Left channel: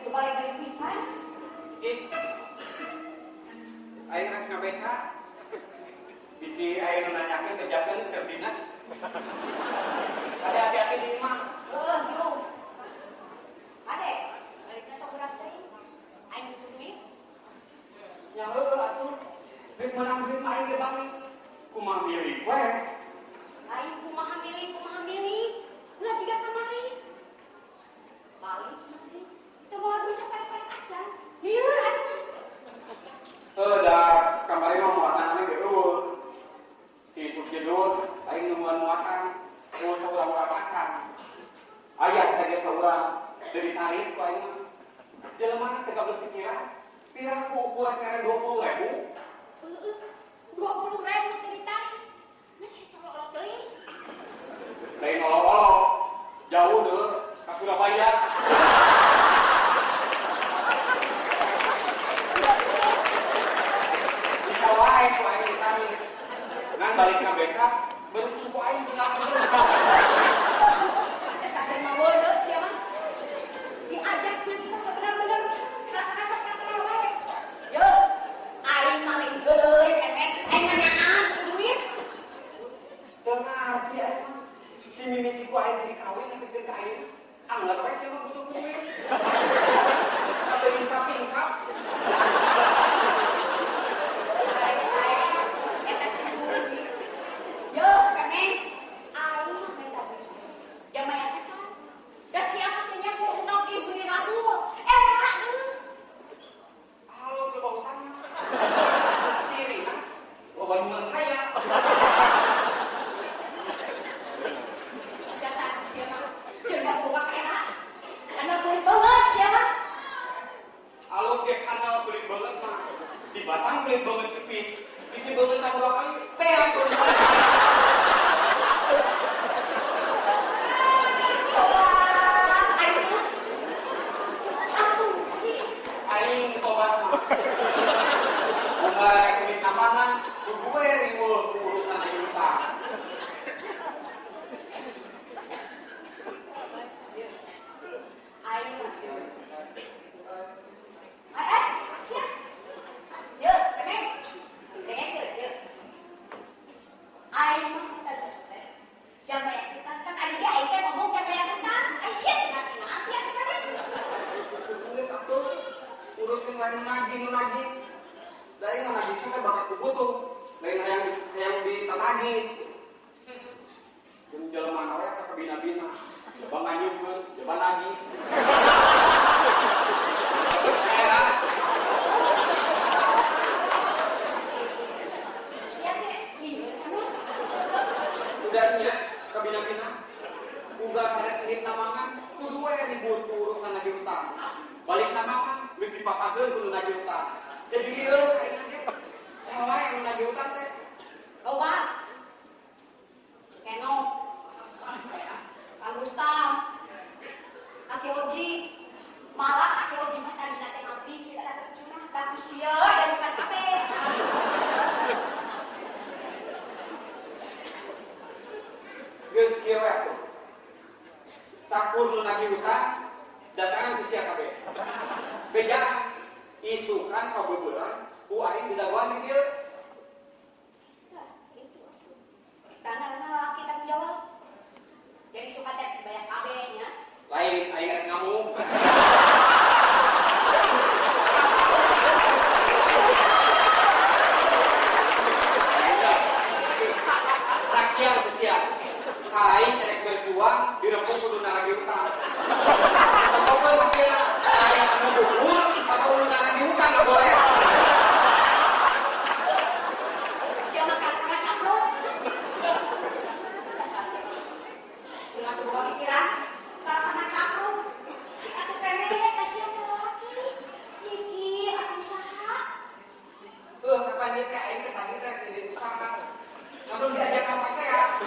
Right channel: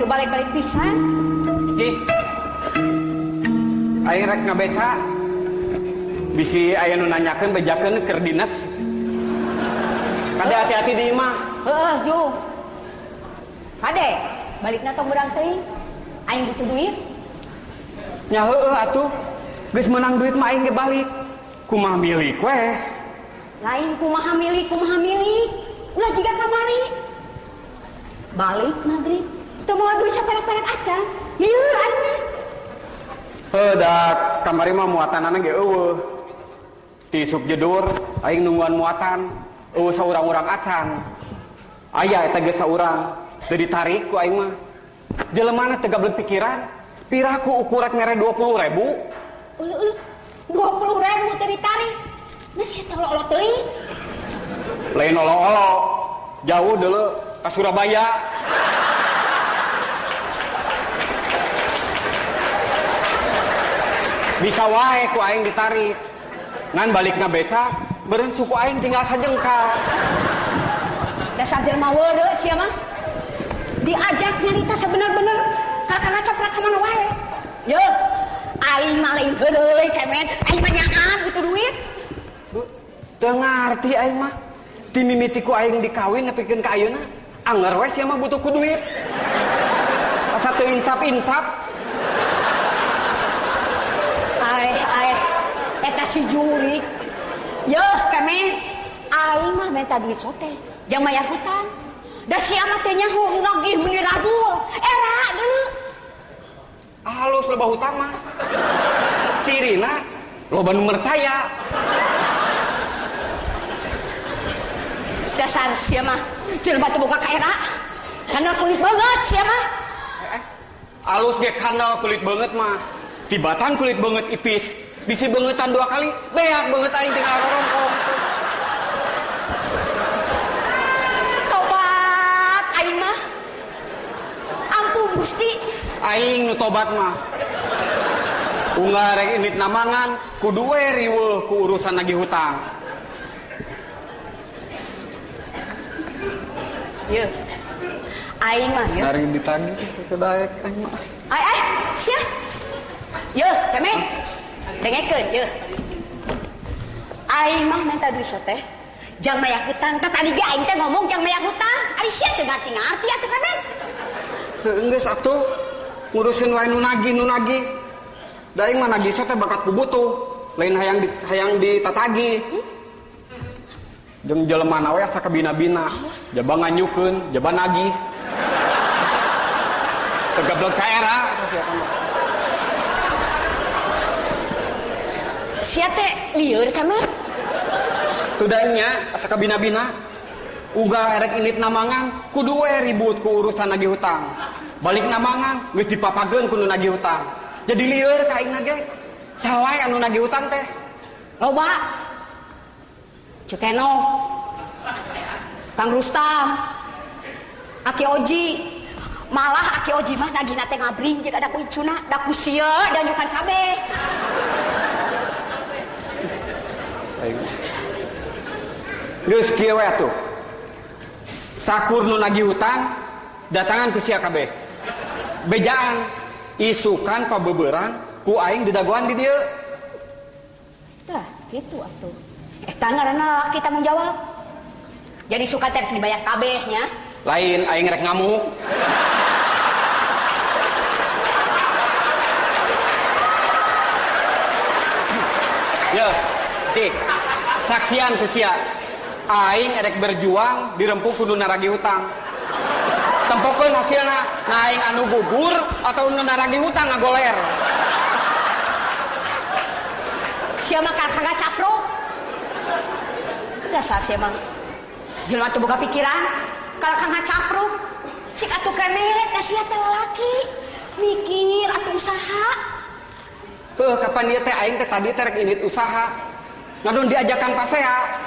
tuh balik-balik pisan. Cih, aing rek ngabeca. Bisi aya nu nanyakeun bejakeun keur dinas. Kade hati-hati di imah. Heeh, Ju. Kade, balikna tong beurang teuing. Aing butuh duit. Nya heueuh atuh. Geus menang duit mah aing ge balik. Kumaha milik weh. Lain kumaha milik. Ulah jiga kamari. Balik maghrib. Teu moal duit saperek-perek acan. Lieur aing mah. Heuh da kamari mah muatanana ge eueuh. Ti sup jedur aing nungguan muatan. Eueuh saurang-urang acan. Aya eta ge saurang. Teu ditarik ku aing mah. Jelemana teu gablek pikiran. Piraku ukuran mere 20.000. Ulu 20.000 teu ditarik. Nah sia teh olo-olo teuing. Lain olo-olo. Jauh deuleu ka Surabaya. Bisa wae ku aing ditarik. Ngan balikna beca, beureun suku aing tinggal sajengkal. Dasar jelema weudeu sia mah. Diajak nyarita sabener-bener kakak ngacaprak ka mana wae. Yeuh, aing mah lain heuleuy kemet, aing tanyaan butuh duit. Teu ngarti aing mah. Ti mimiti ku aing dikawin nepikeun ka ayeuna, anger we sia mah butuh ku duit. Asa teu insap-insap. Eta si jurik. Yeuh kemet, aing mah minta duit sote. Jang mayar hutang. Da sia mah teh nyaho nagih miliradul. Era deuleu. Halus loba hutang mah. Cirina loba nu percaya. Dasar sia mah jelema teu boga kaera. Kana kulit banget sia mah. Alus ge kandal kulit banget mah. Tibatan kulit banget ipis. Bisi bangetan 2 kali. Beak banget aing teh. Tobat aing mah. Ampun Gusti. Aing nu tobat mah. Unggal rek indit namangan kudu we riweuh ku urusan nagih hutang. Yeuh. Aing mah yeuh. Dari ditagih teu daek aing mah. Sia. Yeuh, kemet. Dengekeun yeuh. Aing mah minta duit teh. Jang mayar hutang. Tadi ge aing teh ngomong jang mayar hutang. Ari sia teu ngarti-ngarti atuh kemet. Heuh geus atuh. Ngurusin wae nu nagih. Da aing mah nagih teh bakat ku butuh. Lain hayang ditatagih. Jeung jelemana we asa kabina-bina. Jaba nganyukeun, jaba nagih. Tegablek ka era. Sia teh lieur kemet. Tudanya asa kabina-bina. Ugal erek indit namangan kudu we ribut ku urusan nagih hutang. Balik namangan geus dipapageun ku nu nagih hutang. Jadi lieur ka aing ge. Sawae anu nagih hutang teh. Loba. Cukeno. Kang Rustam. Aki Oji. Malah Aki Oji mah nagihna teh ngabring jeung ada kuicuna, da ku sieu da nyukan kabeh. Geus kieu we atuh. Sakur nu nagih hutang datangan ku sia kabeh. Bejaan isukan pabeubeurang ku aing didagoan di dieu. Tah, kitu atuh. Eta ngaranna laki tanggung jawab. Jadi suka teh dibayar kabehnya. Lain aing rek ngamuk. Ya, cik. Saksian ku sia. Aing erek berjuang dirempuh kudu naragi hutang. Tempokeun hasilna, na aing anu bubur atau nu naragi hutang ngagoler. Sia mah kagak capruk. Dasar sia mah. Jelema teu boga pikiran, kalau kagak capruk. Cik atuh kemet, da sia teh lalaki. Mikir atuh usaha. Kapan dia teh aing teh tadi teh rek indit usaha. Ngadon diajakan pasea.